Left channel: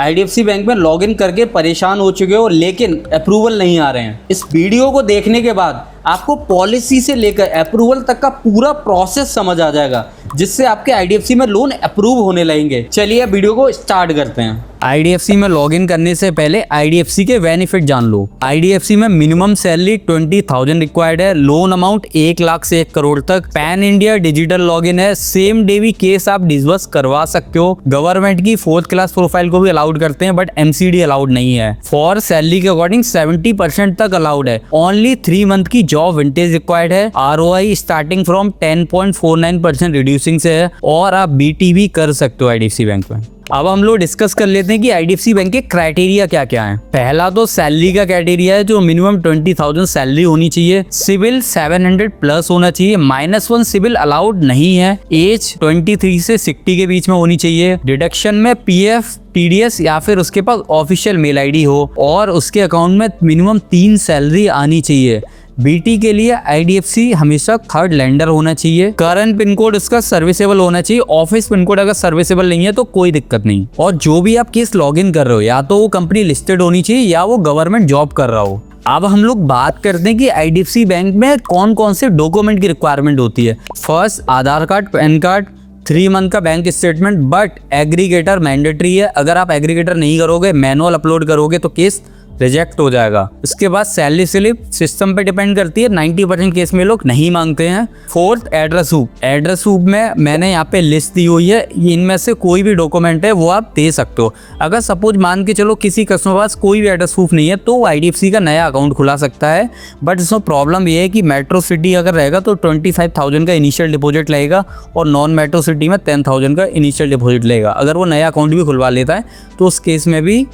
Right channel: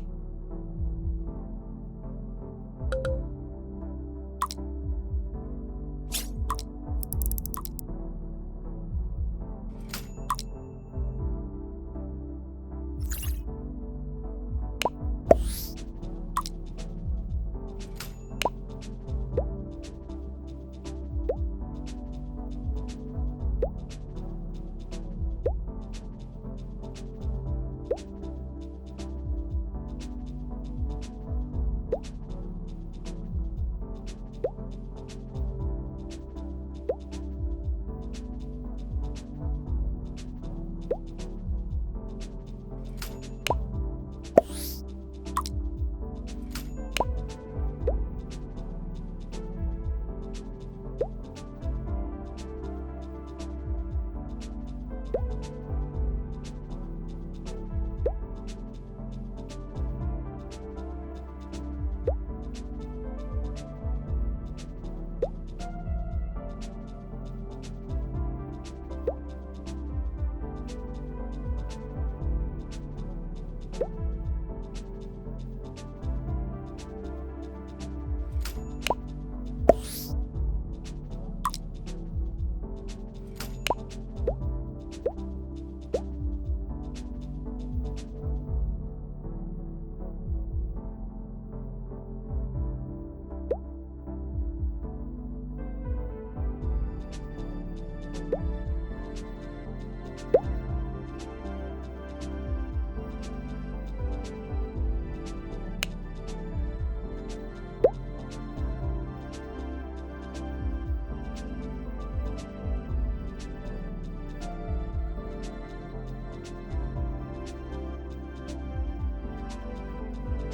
IDFC bank में login करके परेशान हो चुके हो लेकिन अप्रूवल नहीं आ रहे हैं। इस वीडियो को देखने के बाद आपको पॉलिसी से लेकर अप्रूवल तक का पूरा प्रोसेस समझ आ जाएगा, जिससे आपके आईडीएफसी में लोन अप्रूव होने लगेंगे। चलिए वीडियो को स्टार्ट करते हैं। आईडीएफसी में लॉगिन करने से पहले आईडीएफसी के बेनिफिट जान लो। आईडीएफसी में मिनिमम सैलरी 20,000 रिक्वायर्ड है, लोन अमाउंट 1 लाख से 1 करोड़ तक, पैन इंडिया डिजिटल लॉगिन है, सेम डे भी केस आप डिसबर्स करवा सकते हो। गवर्नमेंट की 4th क्लास प्रोफाइल को भी अलाउड करते हैं बट एमसीडी अलाउड नहीं है। फॉर सैलरी के अकॉर्डिंग 70% तक अलाउड है। ओनली 3 मंथ की जॉब विंटेज रिक्वायर्ड है। आरओआई स्टार्टिंग फ्रॉम 10.49% रिड्यूसिंग से है और आप बीटी भी कर सकते हो आईडीएफसी बैंक में। अब हम लोग डिस्कस कर लेते हैं कि आईडीएफसी बैंक के क्राइटेरिया क्या क्या है। पहला तो सैलरी का क्राइटेरिया है, जो मिनिमम 20,000 सैलरी होनी चाहिए। सिविल 700 प्लस होना चाहिए। -1 सिविल अलाउड नहीं है। एज 23 से 60 के बीच में होनी चाहिए। डिडक्शन में पीएफ, टीडीएस या फिर उसके पास ऑफिशियल मेल आईडी हो और उसके अकाउंट में मिनिमम 3 सैलरी आनी चाहिए। बीटी के लिए आईडीएफसी हमेशा 3rd लेंडर होना चाहिए। करंट पिन कोड उसका सर्विसेबल होना चाहिए। ऑफिस पिन कोड अगर सर्विसेबल नहीं है तो कोई दिक्कत नहीं। और जो भी आप केस लॉगिन कर रहे हो या तो वो कंपनी लिस्टेड होनी चाहिए या वो गवर्नमेंट जॉब कर रहा हो। अब हम लोग बात करते हैं कि आईडीएफसी बैंक में कौन कौन से डॉक्यूमेंट की रिक्वायरमेंट होती है। फर्स्ट, आधार कार्ड, पैन कार्ड, 3 मंथ का bank statement, but aggregator mandatory है। अगर आप एग्रीगेटर नहीं करोगे, मैनुअल अपलोड करोगे तो केस रिजेक्ट हो जाएगा। उसके बाद सैलरी स्लिप सिस्टम पे डिपेंड करती है, 90% केस में लोग नहीं मांगते हैं। 4th, address proof. Address proof में मैंने यहाँ पे लिस्ट दी हुई है, इनमें से कोई भी डॉक्यूमेंट है वो आप दे सकते हो। अगर सपोज मान के चलो किसी कस्टमर पास कोई भी एड्रेस प्रूफ नहीं है तो आईडीएफसी का नया अकाउंट खुला सकता है, बट इसमें प्रॉब्लम ये है कि मेट्रो सिटी अगर रहेगा तो 25,000 का इनिशियल डिपॉजिट लगेगा और नॉन मेट्रो सिटी में 10,000 का इनिशियल डिपॉजिट लगेगा। अगर वो नया अकाउंट भी खुलवा लेता है तो उस केस में भी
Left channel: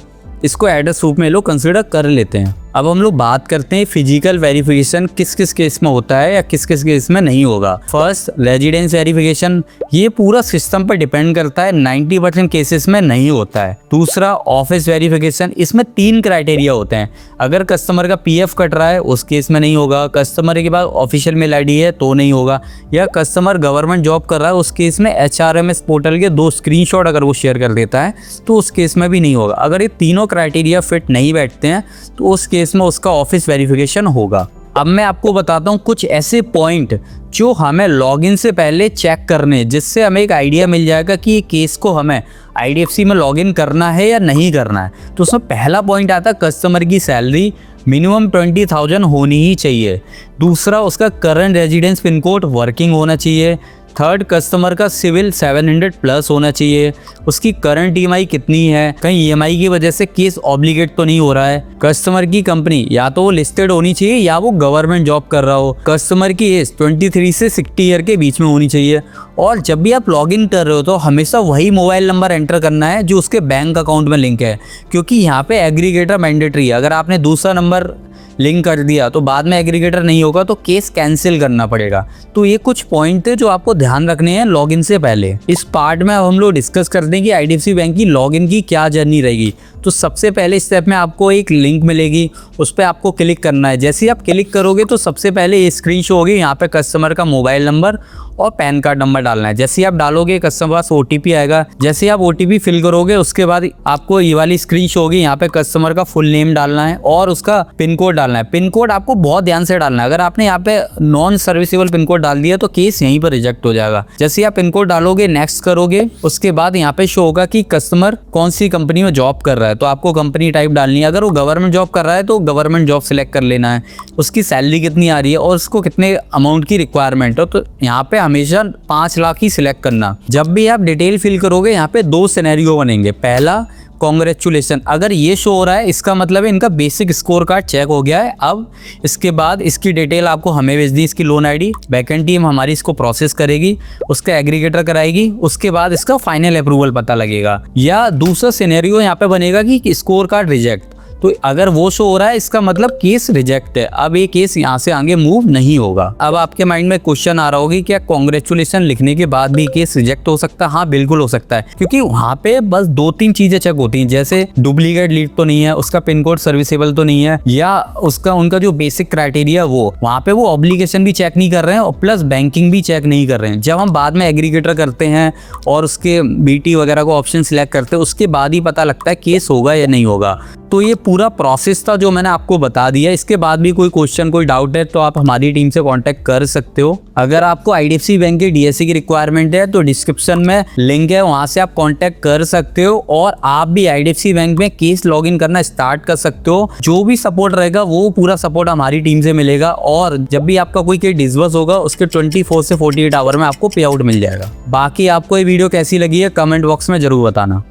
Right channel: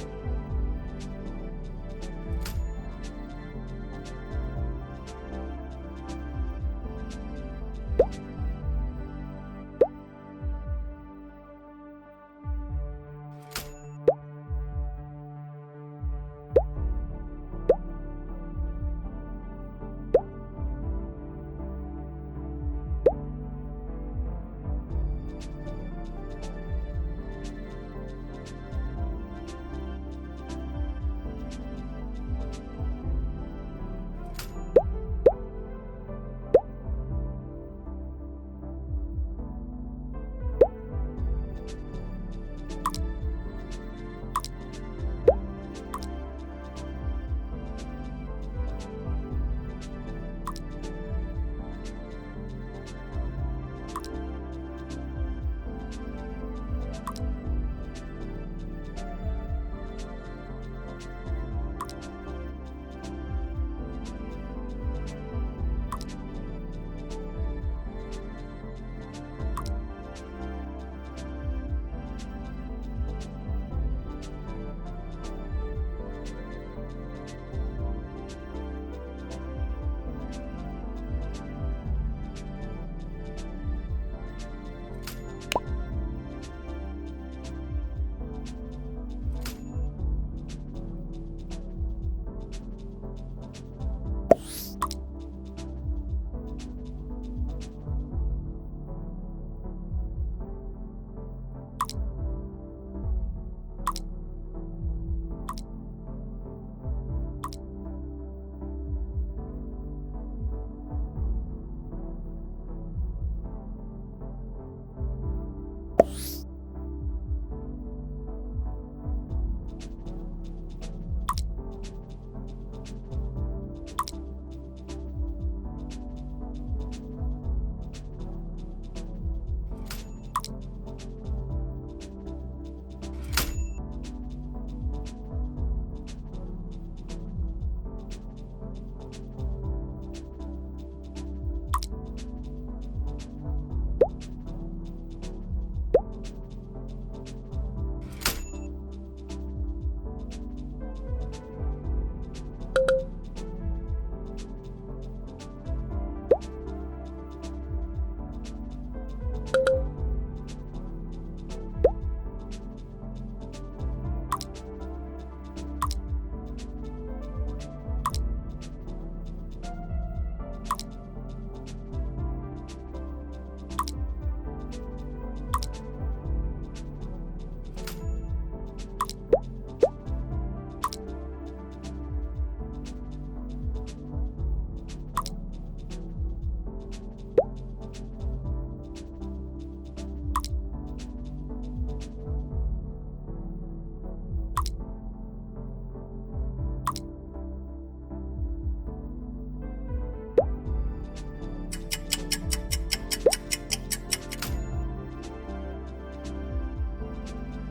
इसको एड्रेस प्रूफ में लोग कंसिडर कर लेते हैं। अब हम लोग बात करते हैं फिजिकल वेरिफिकेशन किस किस केस में होता है या किस किस केस में नहीं होगा। फर्स्ट, रेजिडेंस वेरिफिकेशन, ये पूरा सिस्टम पर डिपेंड करता है, 90% केसेस में नहीं होता है। दूसरा, ऑफिस वेरिफिकेशन, इसमें 3 क्राइटेरिया होते हैं। अगर कस्टमर का पीएफ कट रहा है उस केस में नहीं होगा, कस्टमर के पास ऑफिशियल मेल आईडी है तो नहीं होगा, या कस्टमर गवर्नमेंट जॉब कर रहा है उस केस में HRMS पोर्टल के 2 स्क्रीनशॉट अगर वो शेयर कर देता है तो उस केस में भी नहीं होगा। अगर ये तीनों क्राइटेरिया फिट नहीं बैठते हैं तो उस केस में उसका ऑफिस वेरिफिकेशन होगा। अब मैं आपको बताता हूँ कुछ ऐसे पॉइंट जो हमें लॉगिन से पहले चेक करने, जिससे हमें एक आइडिया मिल जाएगा कि ये केस को हमें आईडीएफसी में लॉगिन करना है या नहीं करना है। तो उसमें पहला पॉइंट आता है कस्टमर की सैलरी मिनिमम 20,000 होनी ही चाहिए। दूसरा, उसका current residence pin code working होना चाहिए। 3rd, कस्टमर का सिविल 700 प्लस होना चाहिए। उसकी करंट ईएमआई कितनी है, कहीं ईएमआई की वजह से केस ऑब्लिगेट तो नहीं हो रहा है। कस्टमर की कंपनी या तो वो लिस्टेड होनी चाहिए या वो गवर्नमेंट जॉब कर रहा हो। कस्टमर की एज 23 से 60 ईयर के बीच में होनी चाहिए। और जब भी आप लॉगिन कर रहे हो तो हमेशा वही मोबाइल नंबर एंटर करना है जो उसके बैंक अकाउंट में लिंक है, क्योंकि यहाँ पे एग्रीगेटर मैंडेटरी है। अगर आपने दूसरा नंबर लिंक कर दिया तो बाद में एग्रीगेटर नहीं होगा तो केस कैंसिल करना पड़ेगा। तो ये कुछ पॉइंट थे जो आपको ध्यान रखने हैं लॉगिन से पहले। इस पार्ट में अब हम लोग डिस्कस करते हैं कि आईडीएफसी बैंक की लॉगिन की क्या जर्नी रहेगी। तो सबसे पहले स्टेप में आपको एक लिंक मिलेगी, उस पर आपको क्लिक करना है। जैसे ही आप क्लिक करोगे तो सबसे पहले ये स्क्रीन शो होगी, यहाँ पे कस्टमर का मोबाइल नंबर और पैन कार्ड नंबर डालना है। जैसे ही आप डालोगे कस्टमर पास ओटीपी आएगा। जैसे ही आप ओटीपी फिल करोगे उसके बाद आपको ये वाली स्क्रीन शो होगी, यहाँ पे कस्टमर का फुल नेम डालना है और उसका पिन कोड डालना है। पिन कोड आपको बहुत ध्यान से डालना है। अगर आपने यहाँ पे नॉन सर्विसेबल पिन कोड डाल दिया तो केस यहीं पर रिजेक्ट हो जाएगा। जैसे ही आप पिन कोड डालोगे, नेक्स्ट करोगे, उसके बाद यहाँ पे शो होगा कि कस्टमर कौन सी कंपनी में जॉब कर रहा है, तो आपको कंपनी टाइप डालनी है। अगर वो गवर्नमेंट जॉब कर रहा है तो गवर्नमेंट जॉब सिलेक्ट कर लेना है। उसकी सैलरी कितनी आ रही है और उसको कितने अमाउंट की रिक्वायरमेंट है, तो यहाँ पे हमेशा 5 लाख ही सिलेक्ट करना। जब भी आप डिटेल फिल करोगे यहाँ पे 2 सिनेरियो बनेंगे। पहला, कॉन्ग्रेचुलेसन, अगर ये शो हो रहा है इसका मतलब है इनका बेसिक स्कोर कार्ड चेक हो गया है। अब इसके बाद इसकी डिटेल आपको हमें भेज दी, इसकी लोन आईडी, बैकएंड टीम हमारी इसको प्रोसेस करेगी, उसका एग्रीगेटर कराएगी, उसके बाद इसका फाइनल अप्रूवल पता लगेगा। या दूसरा सिनेरियो यहाँ पे बनेगा कि स्कोर कार्ड रिजेक्ट, तो अगर वो शो हो रहा है इसका मतलब केस रिजेक्ट है। अब ये केस यहाँ से आगे मूव नहीं होगा। अब आपके माइंड में क्वेश्चन आ रहा होगा कि क्या कांग्रेचुलेशन लिखने के बाद भी केस रिजेक्ट हो सकता है? हाँ बिल्कुल हो सकता है, क्योंकि वहाँ पे बस 2-3 चीजें चेक होती हैं, जैसे डुप्लीकेट लीड तो नहीं है, उसका पिन कोड सर्विसेबल तो नहीं है, या उसका उनका जो बेसिक क्राइटेरिया वो वहाँ पे वो ऑब्लिगेशन भी चेक नहीं कर रहे हैं और प्लस बैंकिंग भी चेक नहीं कर रहे हैं। जब हम बाद में एग्रीगेटर करते हैं और उसके बीटी वगैरह को ऑप्शन सिलेक्ट करते हैं, उसके बाद ही पता लगता है केस होगा या नहीं होगा। तो ये पूरा प्रोसेस था जो मैंने आपको बता दिया। इसके बाद भी कोई क्वेश्चन कोई डाउट है तो आप हमारी टीम से कांटेक्ट कर सकते हो। अगर आपको IDFC बैंक के DSC की रिक्वायरमेंट है तो डिस्क्रिप्शन में लिंक है, वहां से आप कांटेक्ट कर सकते हो और आप भी IDFC बैंक में केस लॉगिन करना स्टार्ट कर सकते हो। जो भी सपोर्ट रहेगा वो पूरा सपोर्ट हमारी टीम से मिलेगा और जब भी आपका कोई केस डिसबर्स होगा उसके 24 से 48 आवर में आपको पे आउट मिल जाएगा। बाकी आपको ये वीडियो कैसी लगी है कमेंट बॉक्स में जरूर बताना।